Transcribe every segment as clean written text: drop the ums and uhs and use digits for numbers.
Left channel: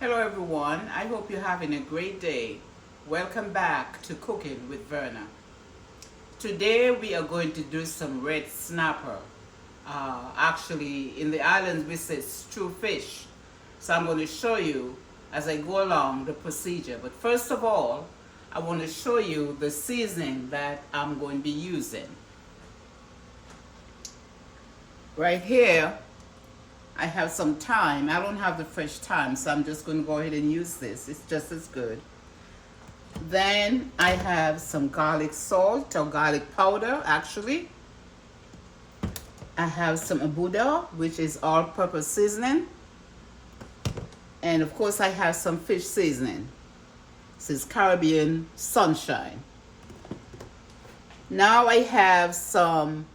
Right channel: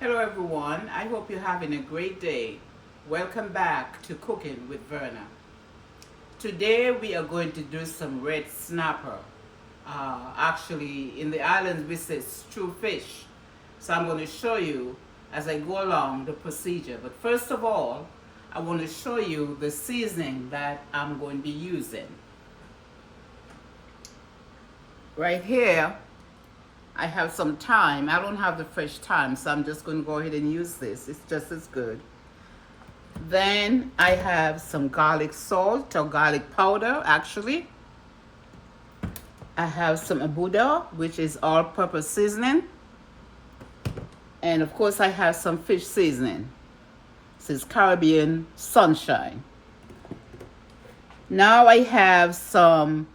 Hello everyone, I hope you're having a great day. Welcome back to Cooking with Verna. Today we are going to do some red snapper. Actually, in the islands we say stew fish. So I'm going to show you as I go along the procedure. But first of all, I want to show you the seasoning that I'm going to be using. Right here, I have some thyme. I don't have the fresh thyme, so I'm just going to go ahead and use this. It's just as good. Then I have some garlic salt or garlic powder, actually. I have some abuda, which is all-purpose seasoning. And of course I have some fish seasoning. This is Caribbean Sunshine. Now I have some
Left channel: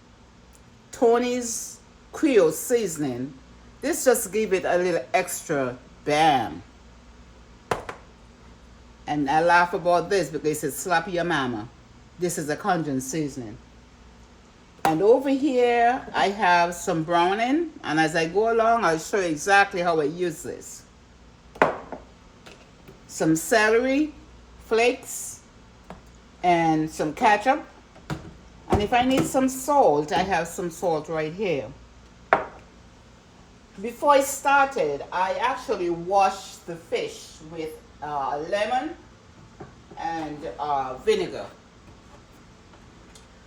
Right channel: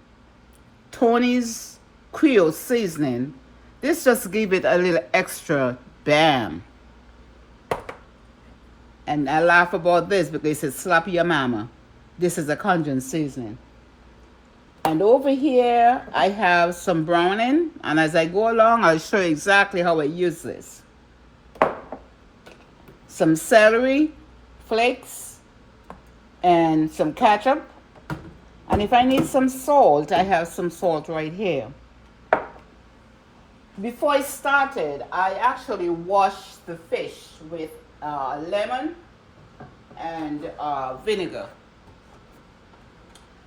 Tony's Creole seasoning. This just give it a little extra bam. And I laugh about this because it's slap your mama. This is a Cajun seasoning. And over here, I have some browning. And as I go along, I'll show you exactly how I use this. Some celery flakes and some ketchup. And if I need some salt, I have some salt right here. Before I started, I actually washed the fish with lemon and vinegar.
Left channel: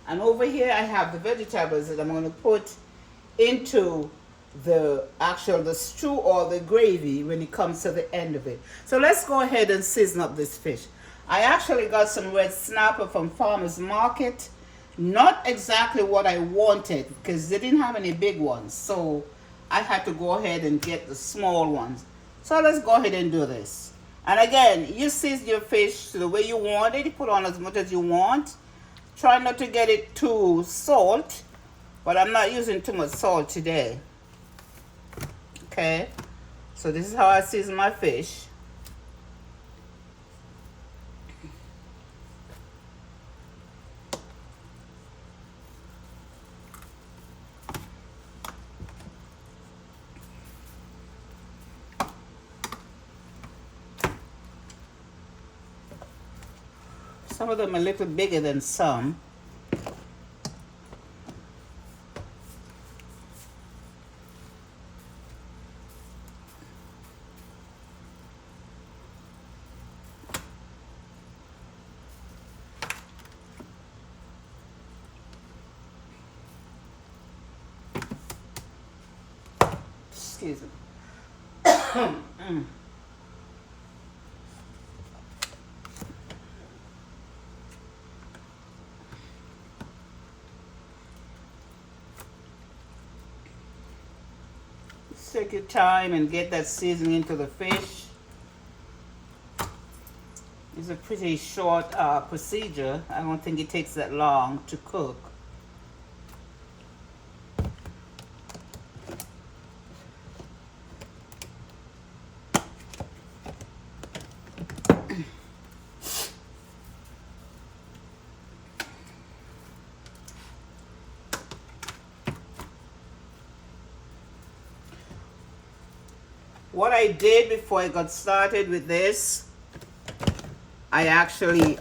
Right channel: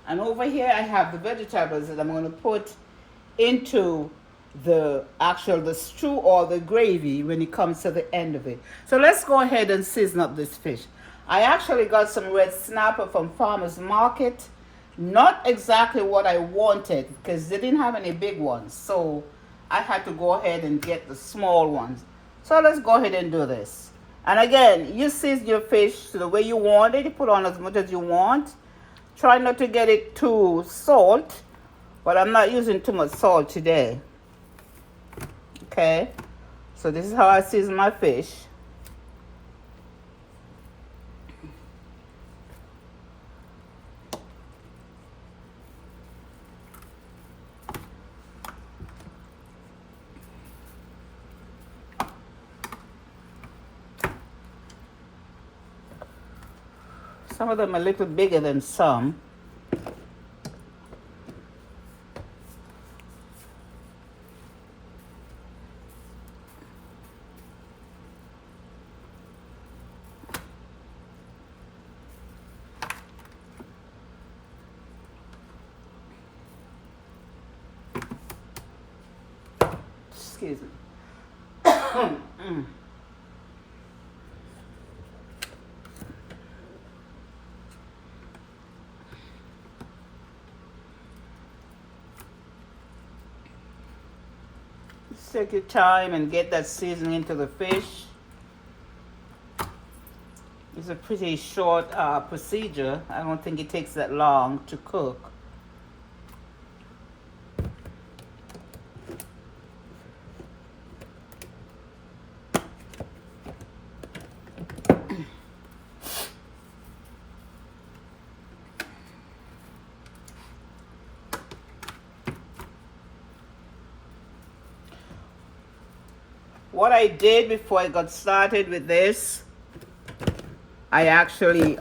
And over here I have the vegetables that I'm going to put into the stew or the gravy when it comes to the end of it. So let's go ahead and season up this fish. I actually got some red snapper from Farmer's Market. Not exactly what I wanted because they didn't have any big ones. So I had to go ahead and get the small ones. So let's go ahead and do this. And again, you season your fish the way you want it. You put on as much as you want. Try not to get it too salt, but I'm not using too much salt today. Okay, so this is how I season my fish. Some of them are a little bigger than some. Excuse me. Take your time and get that seasoning into the fish. It's a pretty short procedure. I don't think it takes that long to cook. What I did before I got started with this, I actually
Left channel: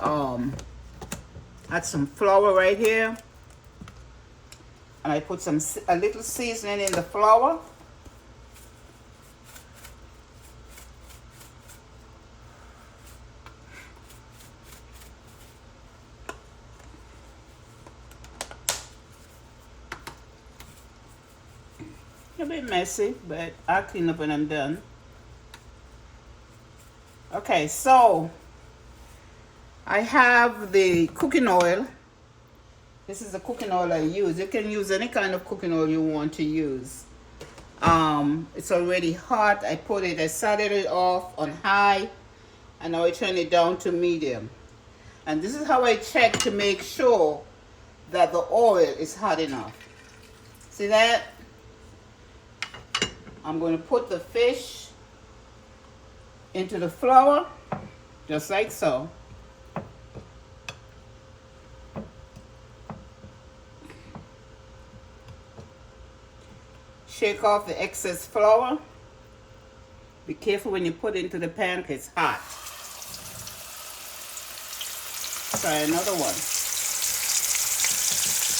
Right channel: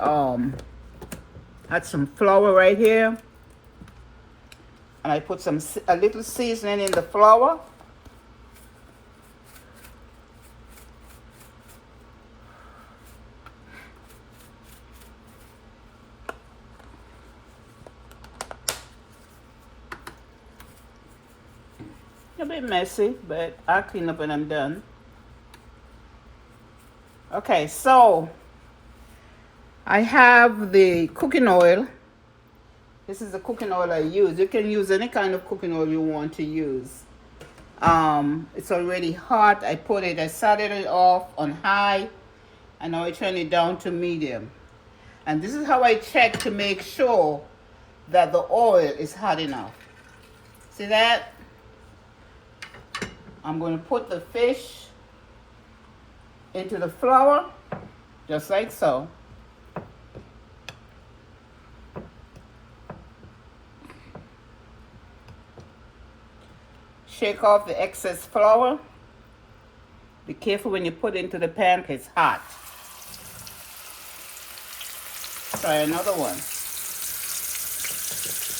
had some flour right here, and I put a little seasoning in the flour. A bit messy, but I'll clean up when I'm done. Okay, so I have the cooking oil. This is the cooking oil I use. You can use any kind of cooking oil you want to use. It's already hot. I started it off on high, and now I turn it down to medium. And this is how I check to make sure that the oil is hot enough. See that? I'm going to put the fish into the flour, just like so. Shake off the excess flour. Be careful when you put it into the pan because it's hot. Try another one.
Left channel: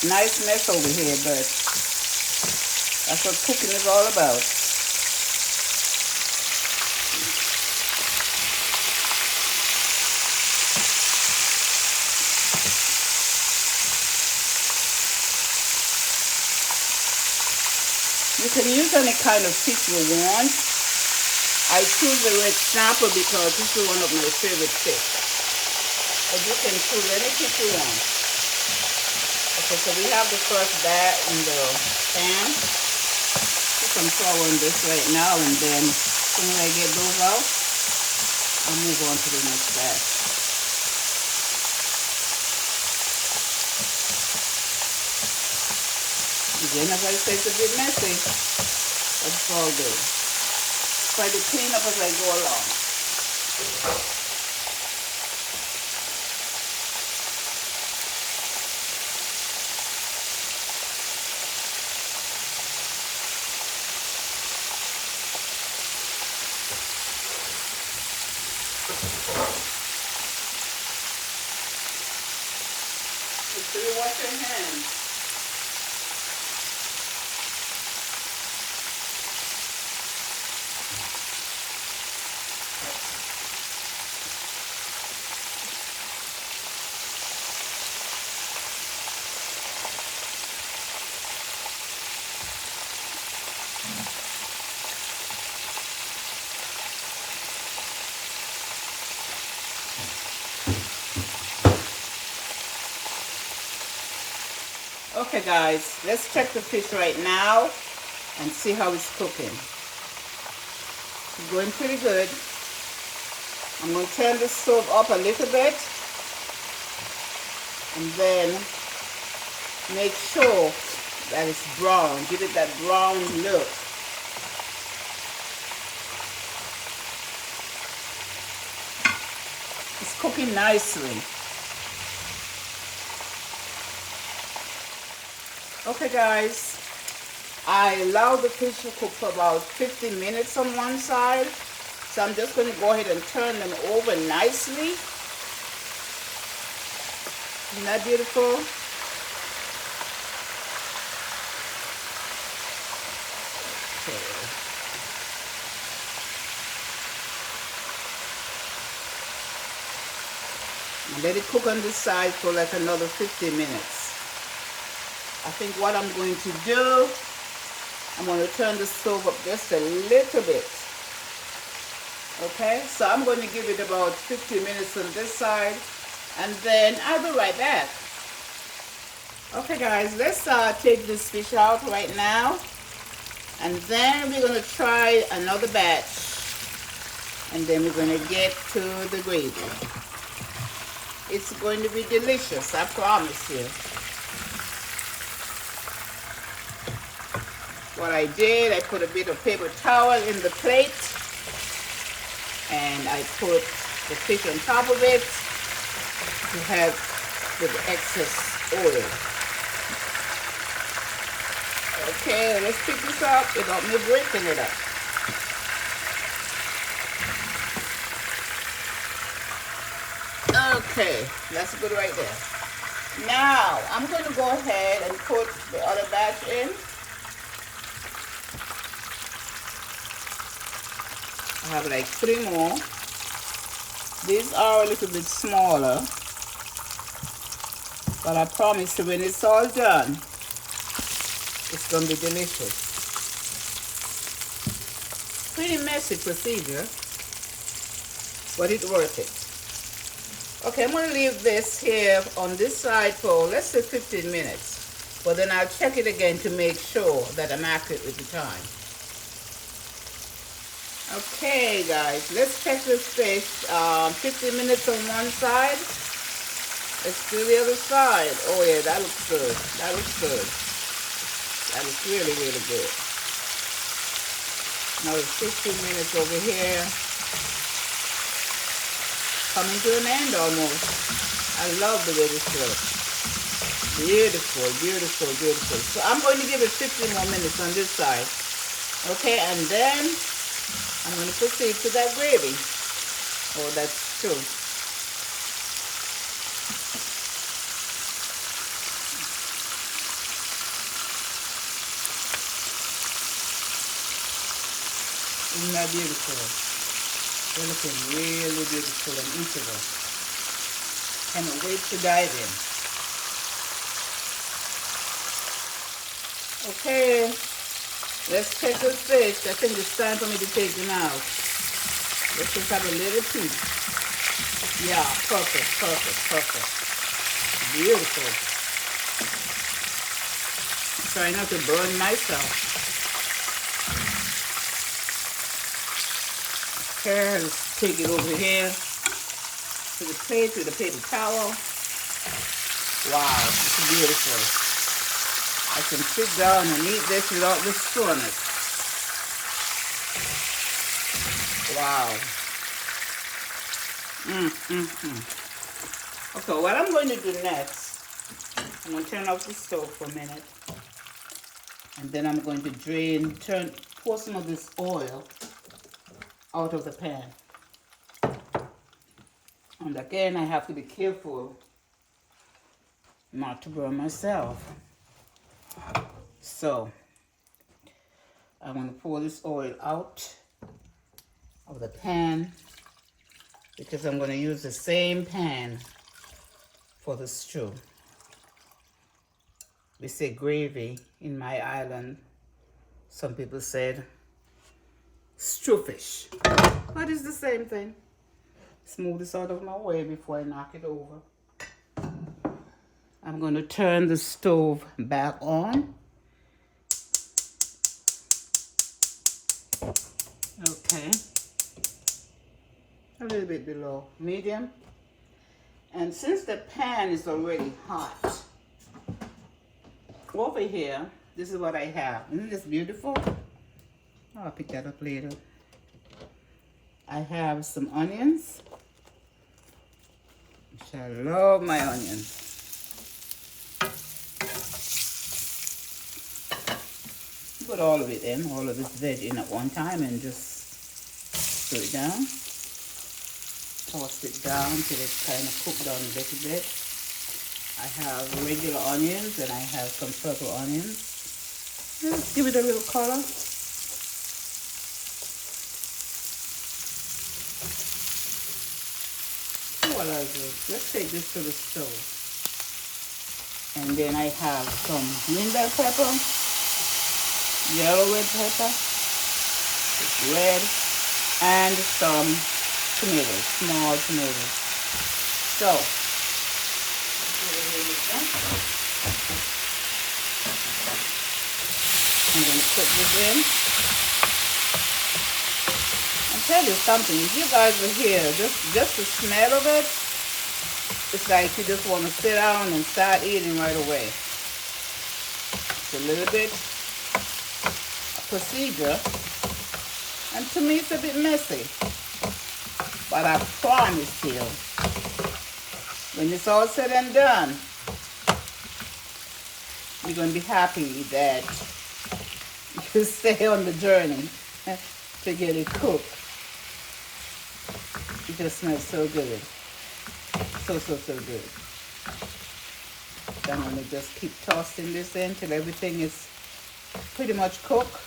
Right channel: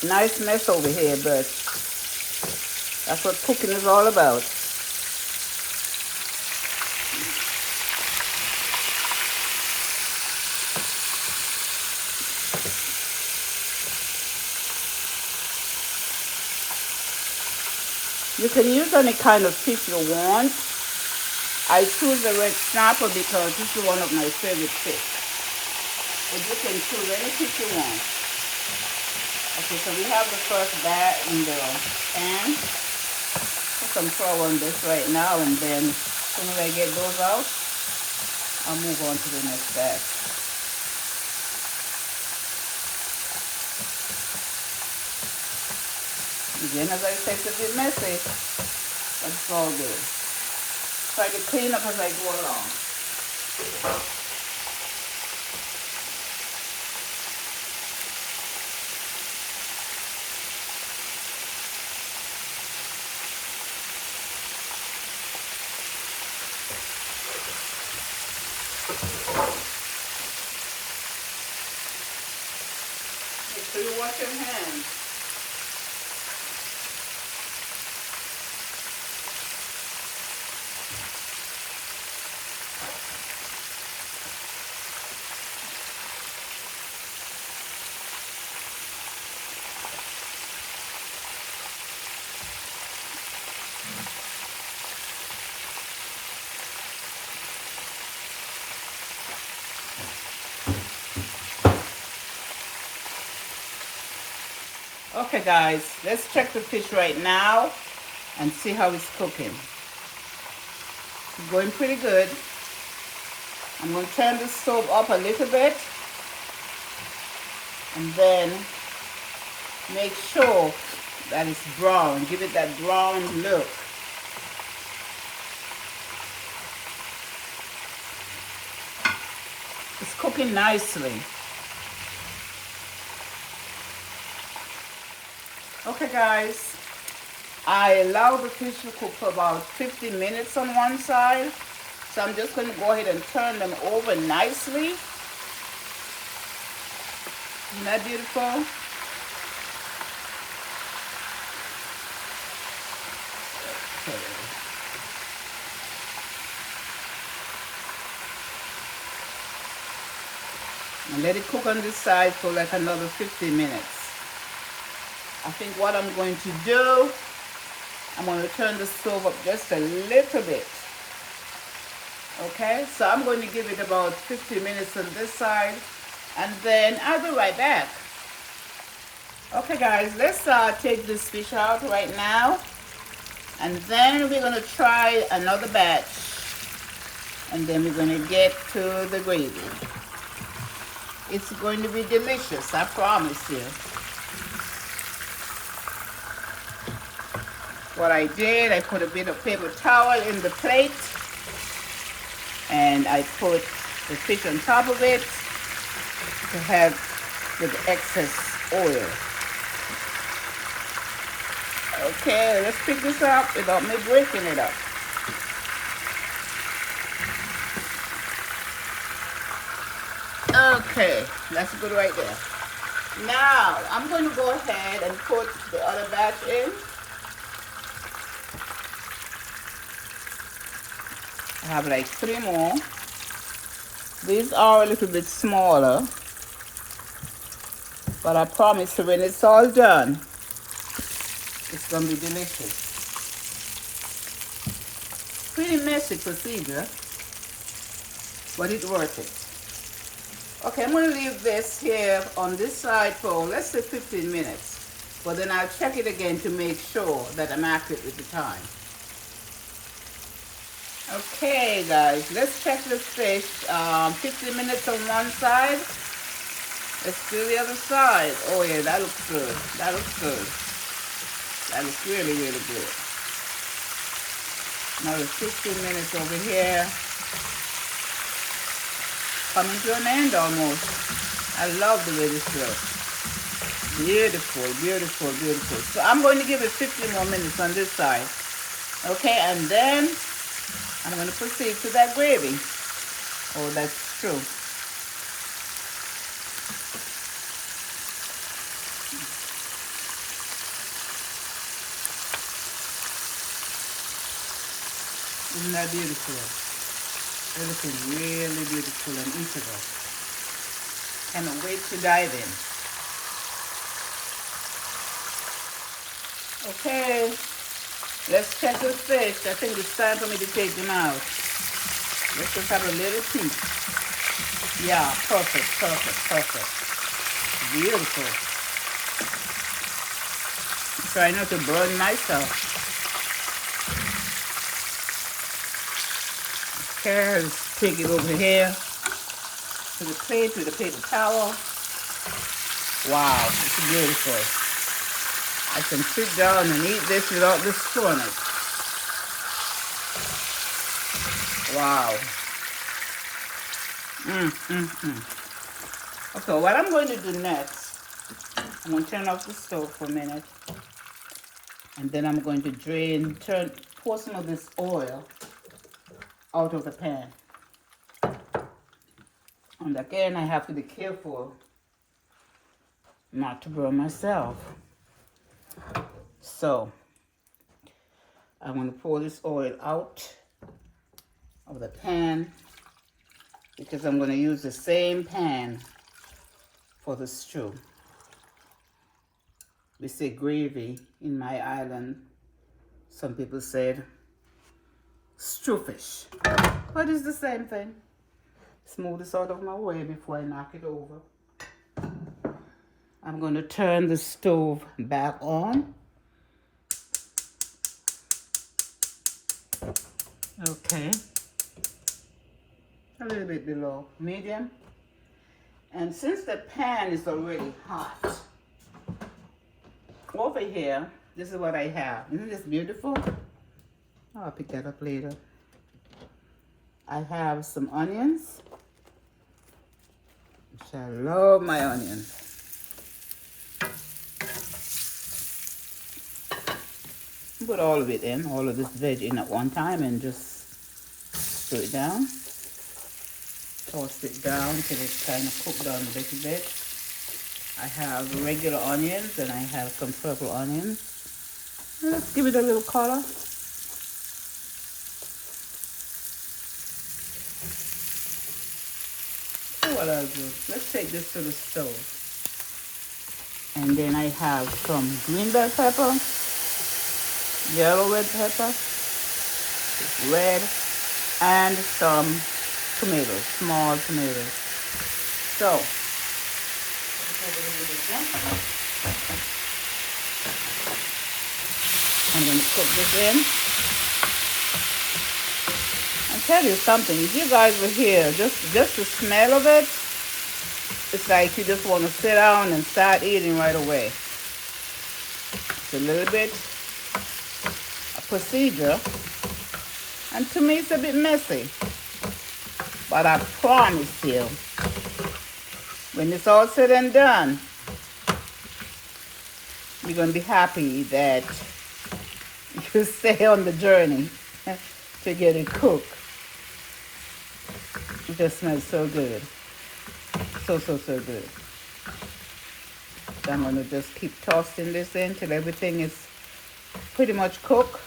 Nice mess over here, but that's what cooking is all about. You can use any kind of fish you want. I choose the red snapper because this is one of my favorite fish. But you can choose any fish you want. Okay, so we have the first bat in the pan. Put some flour on this right now, and then as soon as I get those out, I'll move on to the next batch. Again, as I say, it's a bit messy. That's all good. Try to clean up as I go along. Make sure you wash your hands. Okay guys, let's check the fish right now and see how it's cooking. It's going pretty good. I'm going to turn the stove up a little bit and then make sure that it's brown. Give it that brown look. It's cooking nicely. Okay guys, I allow the fish to cook for about 15 minutes on one side. So I'm just going to go ahead and turn them over nicely. Isn't that beautiful? Okay. And let it cook on this side for like another 15 minutes. I think what I'm going to do, I'm going to turn the stove up just a little bit. Okay, so I'm going to give it about 15 minutes on this side, and then I'll be right back. Okay guys, let's take this fish out right now, and then we're going to try another batch, and then we're going to get to the gravy. It's going to be delicious, I promise you. What I did, I put a bit of paper towel in the plate, and I put the fish on top of it to have the excess oil. Okay, let's pick this up without me breaking it up. Okay, that's good right there. Now, I'm going to go ahead and put the other batch in. I have like 3 more. These are a little bit smaller, but I promise you when it's all done, it's going to be delicious. Pretty messy procedure, but it's worth it. Okay, I'm going to leave this here on this side for, let's say, 15 minutes. But then I'll check it again to make sure that I'm accurate with the time. Okay guys, let's check this fish. 15 minutes on one side. Let's do the other side. Oh yeah, that looks good. That looks good. That looks really, really good. Another 15 minutes over here. Coming to an end almost. I love the way this looks. Beautiful, beautiful, beautiful. So I'm going to give it 15 more minutes on this side. Okay, and then I'm going to proceed to that gravy. Oh, that's true. Isn't that beautiful? Everything really beautiful and integral. Cannot wait to dive in. Okay, let's check the fish. I think it's time for me to take them out. Let's just have a little peek. Yeah, perfect, perfect, perfect. Beautiful. Try not to burn myself. Okay, let's take it over here to the plate with a paper towel. Wow, it's beautiful. I can sit down and eat this without the spoon. Wow. Okay, what I'm going to do next, I'm going to turn off the stove for a minute. And then I'm going to pour some of this oil out of the pan. And again, I have to be careful not to burn myself. So, I'm going to pour this oil out of the pan because I'm going to use the same pan for the stew. We say gravy in my island. Some people said stew fish, but it's the same thing. Smooth this out of my way before I knock it over. I'm going to turn the stove back on. Okay. A little bit below medium. And since the pan is already hot, over here, this is what I have. Isn't this beautiful? Oh, I'll pick that up later. I have some onions. Which I love my onions. Put all of it in, all of this veg in at one time and just stir it down. Toss it down till it's kind of cooked down a little bit. I have regular onions and I have some purple onions. Let's give it a little color. So what I'll do, let's take this to the stove. And then I have some green bell pepper, yellow red pepper, red, and some tomatoes, small tomatoes. So, I'm going to put this in. I'll tell you something, if you guys were here, just the smell of it, it's like you just want to sit down and start eating right away. It's a little bit procedure, and to me it's a bit messy, but I promise you, when it's all said and done, you're going to be happy that you stay on the journey to get it cooked. It just smells so good. So good. So I'm going to just keep tossing this in till everything is pretty much cooked.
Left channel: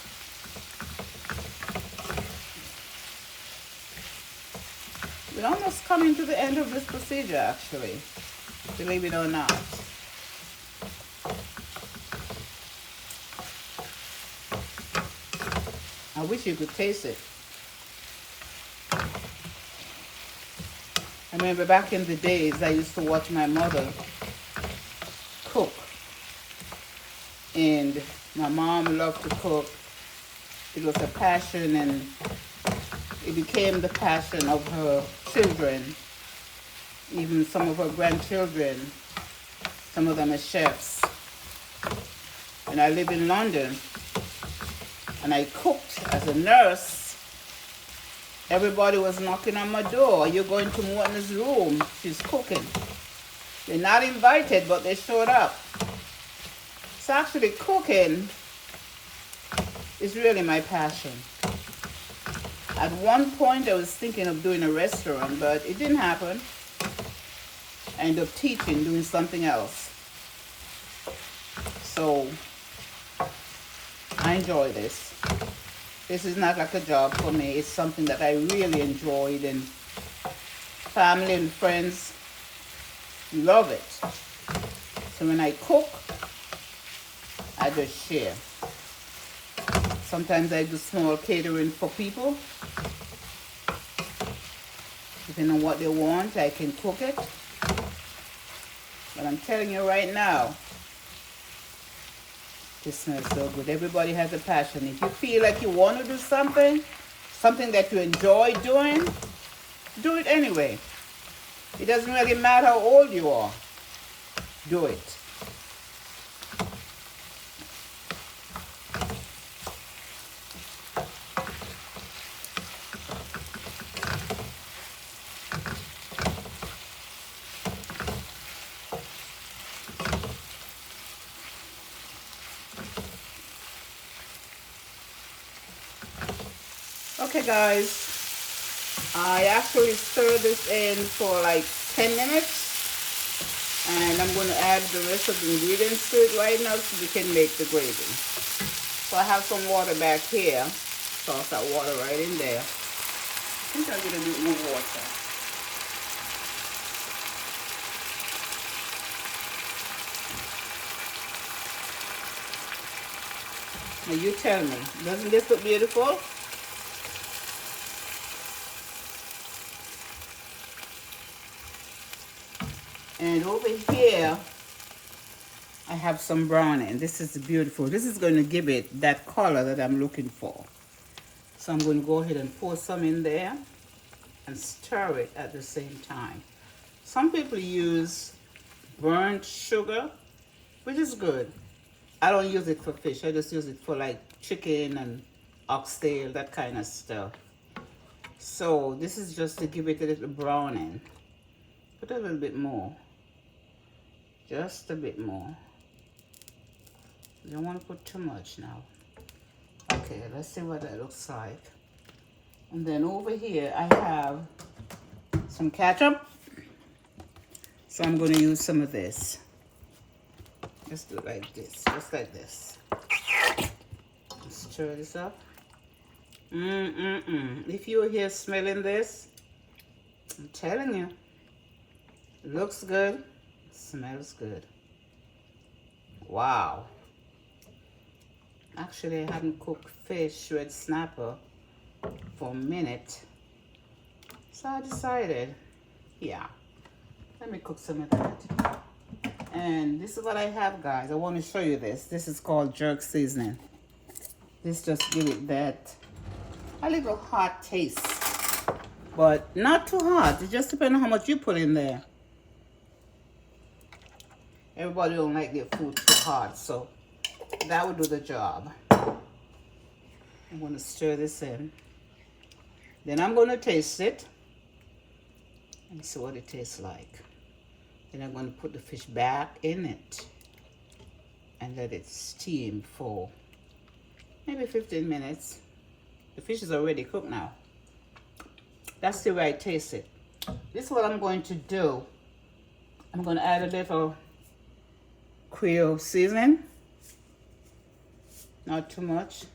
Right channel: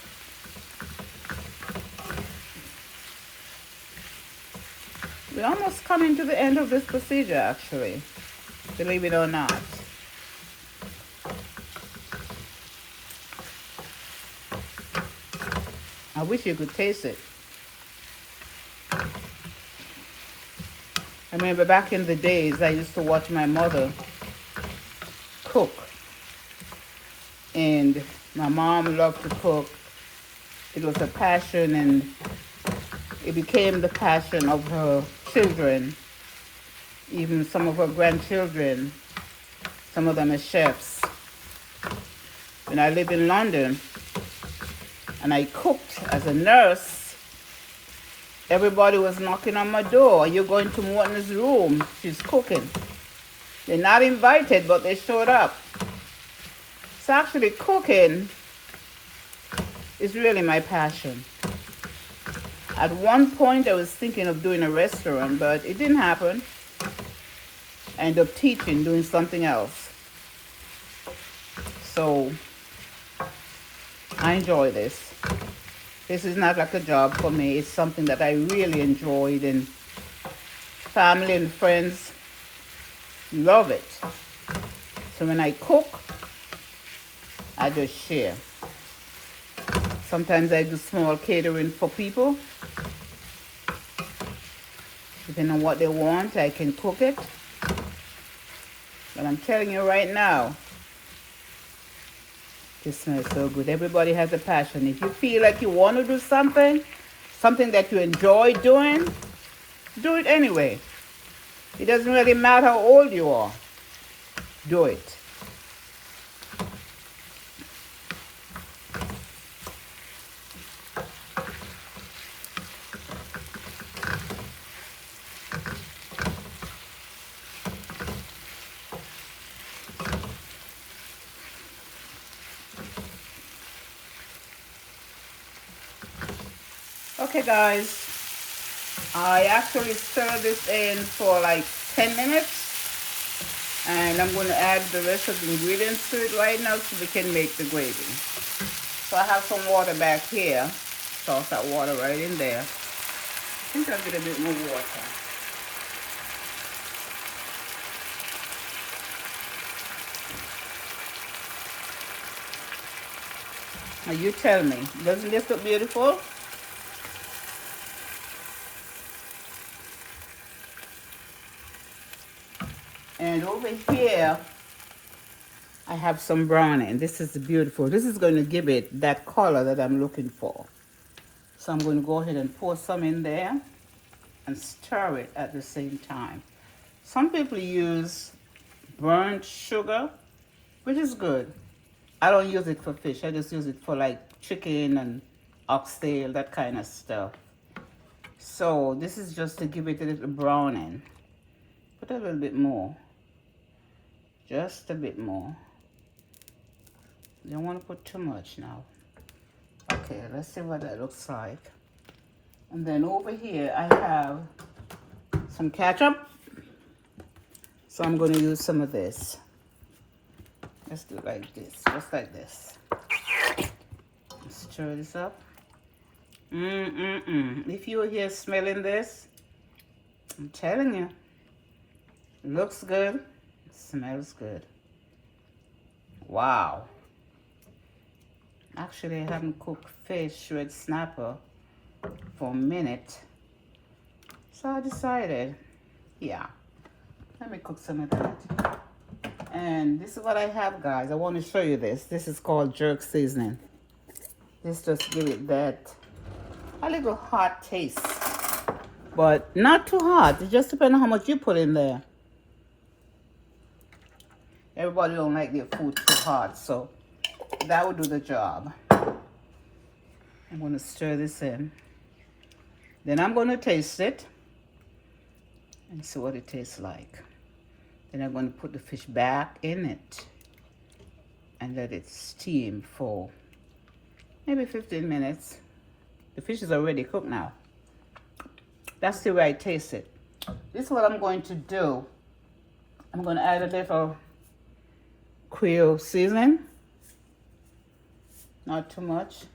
We're almost coming to the end of this procedure, actually, believe it or not. I wish you could taste it. I remember back in the days, I used to watch my mother cook. And my mom loved to cook. It was a passion, and it became the passion of her children, even some of her grandchildren. Some of them are chefs. When I lived in London and I cooked as a nurse, everybody was knocking on my door. You're going to Morton's room. She's cooking. They're not invited, but they showed up. So actually cooking is really my passion. At one point, I was thinking of doing a restaurant, but it didn't happen. I ended up teaching, doing something else. So, I enjoy this. This is not like a job for me. It's something that I really enjoyed, and family and friends love it. So when I cook, I just share. Sometimes I do small catering for people. Depending on what they want, I can cook it. And I'm telling you right now, it smells so good. Everybody has a passion. If you feel like you want to do something that you enjoy doing, do it anyway. It doesn't really matter how old you are. Do it. Okay guys, I actually stir this in for like 10 minutes, and I'm going to add the rest of the ingredients to it right now so we can make the gravy. So I have some water back here, toss that water right in there. I think I'll get a bit more water. Now you tell me, doesn't this look beautiful? And over here, I have some browning. This is beautiful. This is going to give it that color that I'm looking for. So I'm going to go ahead and pour some in there and stir it at the same time. Some people use burnt sugar, which is good. I don't use it for fish. I just use it for like chicken and oxtail, that kind of stuff. So this is just to give it a little browning. Put a little bit more. Just a bit more. You don't want to put too much now. Okay, let's see what that looks like. And then over here I have some ketchup. So I'm going to use some of this. Let's do it like this, just like this. Stir this up. If you were here smelling this, I'm telling you, it looks good, smells good. Wow. Actually, I haven't cooked fish red snapper for a minute. So I decided, yeah, let me cook some of that. And this is what I have, guys. I want to show you this. This is called jerk seasoning. This just give it that a little hot taste. But not too hot. It just depends on how much you put in there. Everybody don't like their food too hot, so that will do the job. I'm going to stir this in. Then I'm going to taste it and see what it tastes like. Then I'm going to put the fish back in it and let it steam for maybe 15 minutes. The fish is already cooked now. That's the way I taste it. This is what I'm going to do. I'm going to add a little Creole seasoning. Not too much.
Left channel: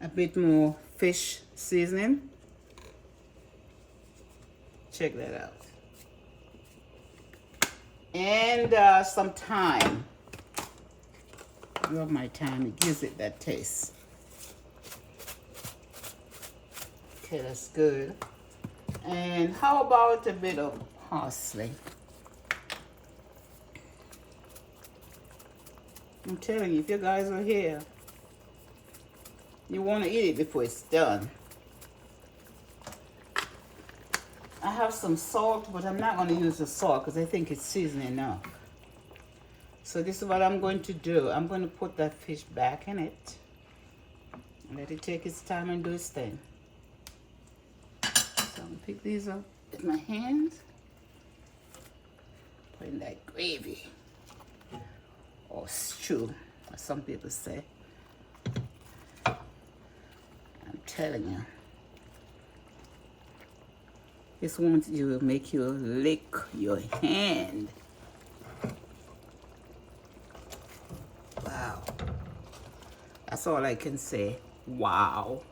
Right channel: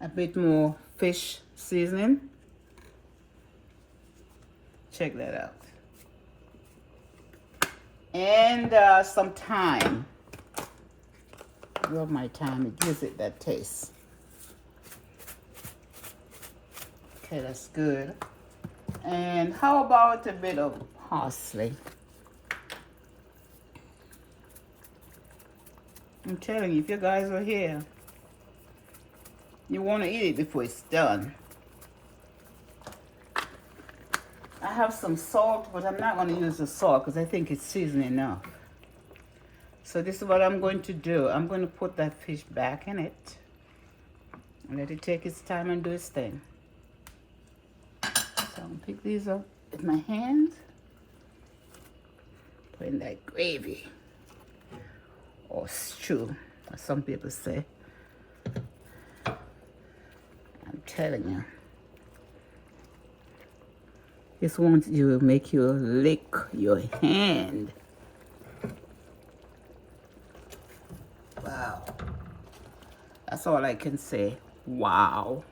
A bit more fish seasoning. Check that out. And some thyme. I love my thyme. It gives it that taste. Okay, that's good. And how about a bit of parsley? I'm telling you, if you guys are here, you want to eat it before it's done. I have some salt, but I'm not going to use the salt because I think it's seasoned enough. So this is what I'm going to do. I'm going to put that fish back in it and let it take its time and do its thing. So I'm going to pick these up with my hands. Put in that gravy or stew, as some people say. I'm telling you. This wants you to make you lick your hand. Wow. That's all I can say. Wow.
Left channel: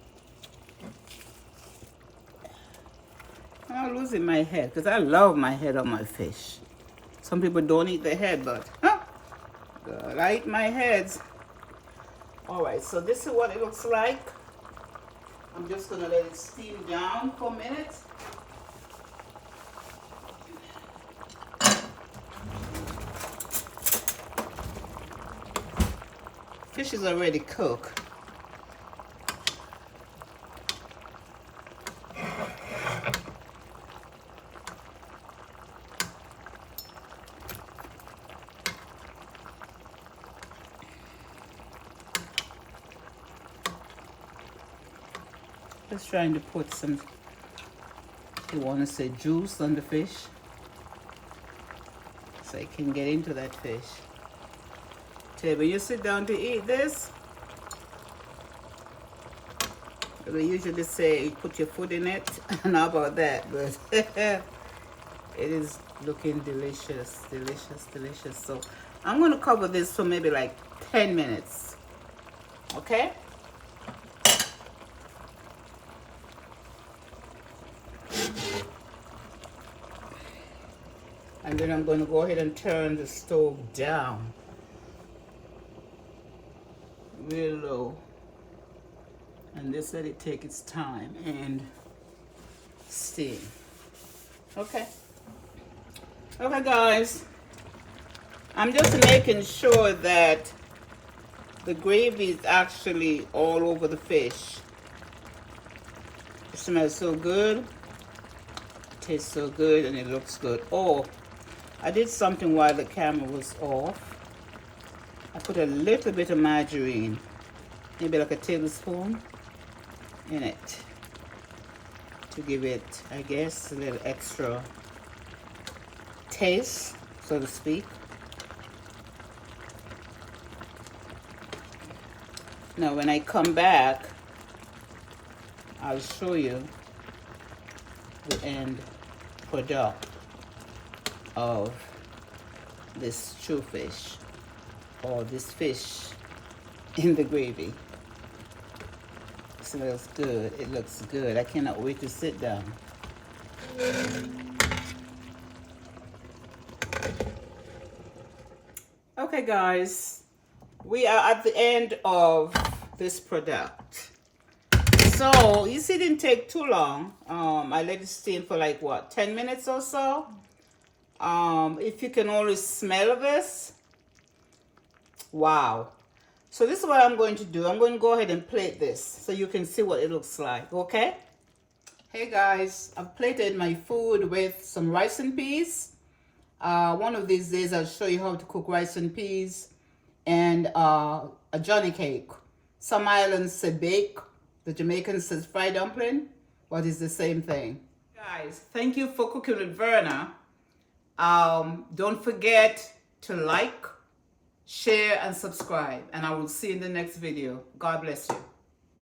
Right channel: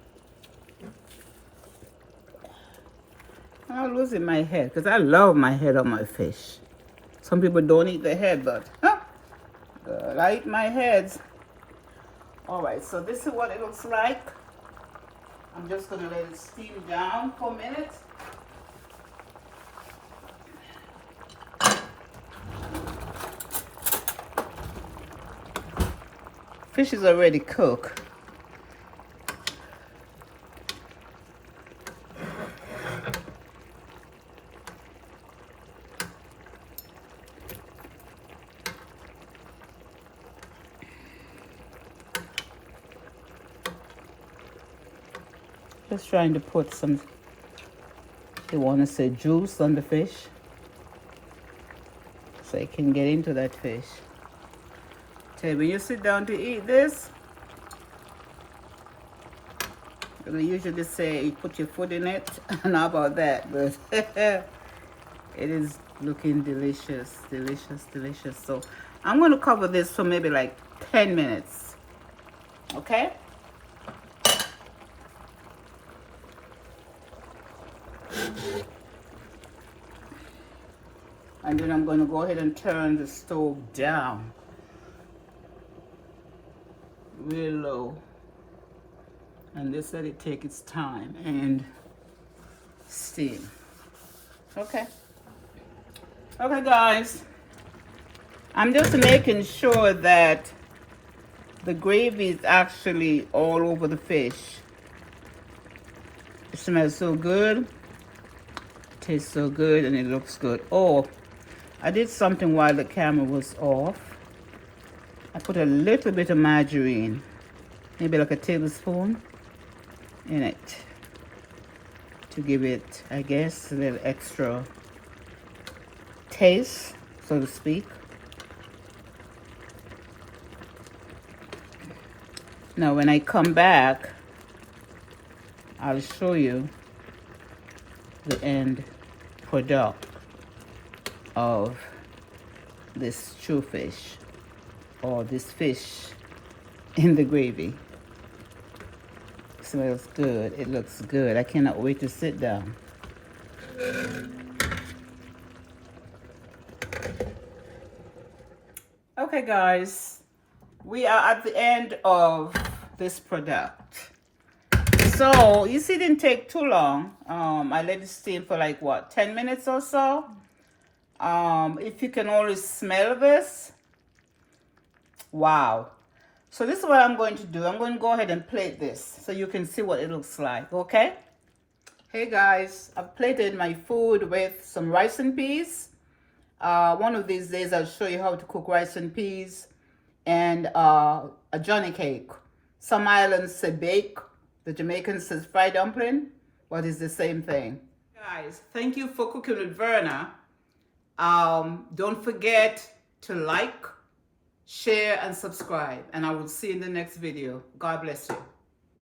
I'm losing my head because I love my head on my fish. Some people don't eat the head, but I eat my heads. All right, so this is what it looks like. I'm just gonna let it steam down for a minute. Fish is already cooked. Just trying to put some, you want to say juice on the fish so it can get into that fish. Tell you, when you sit down to eat this, we usually say you put your foot in it. I don't know about that, but it is looking delicious, delicious, delicious. So I'm going to cover this for maybe like 10 minutes. Okay? And then I'm going to go ahead and turn the stove down real low. And just let it take its time and steam. Okay. Okay, guys. I'm just making sure that the gravy is actually all over the fish. It smells so good. It tastes so good and it looks good. Oh, I did something while the camera was off. I put a little bit of margarine, maybe like a tablespoon, in it to give it, I guess, a little extra taste, so to speak. Now when I come back, I'll show you the end product of this stew fish, or this fish in the gravy. Smells good. It looks good. I cannot wait to sit down. Okay, guys, we are at the end of this product. So you see, it didn't take too long. I let it steam for like what, 10 minutes or so. If you can only smell this, wow. So this is what I'm going to do. I'm going to go ahead and plate this so you can see what it looks like, okay? Hey guys, I've plated my food with some rice and peas. One of these days I'll show you how to cook rice and peas and a Johnny cake. Some islands say bake, the Jamaicans says fried dumpling, but it's the same thing. Guys, thank you for cooking with Verna. Don't forget to like, share, and subscribe, and I will see you in the next video. God bless you.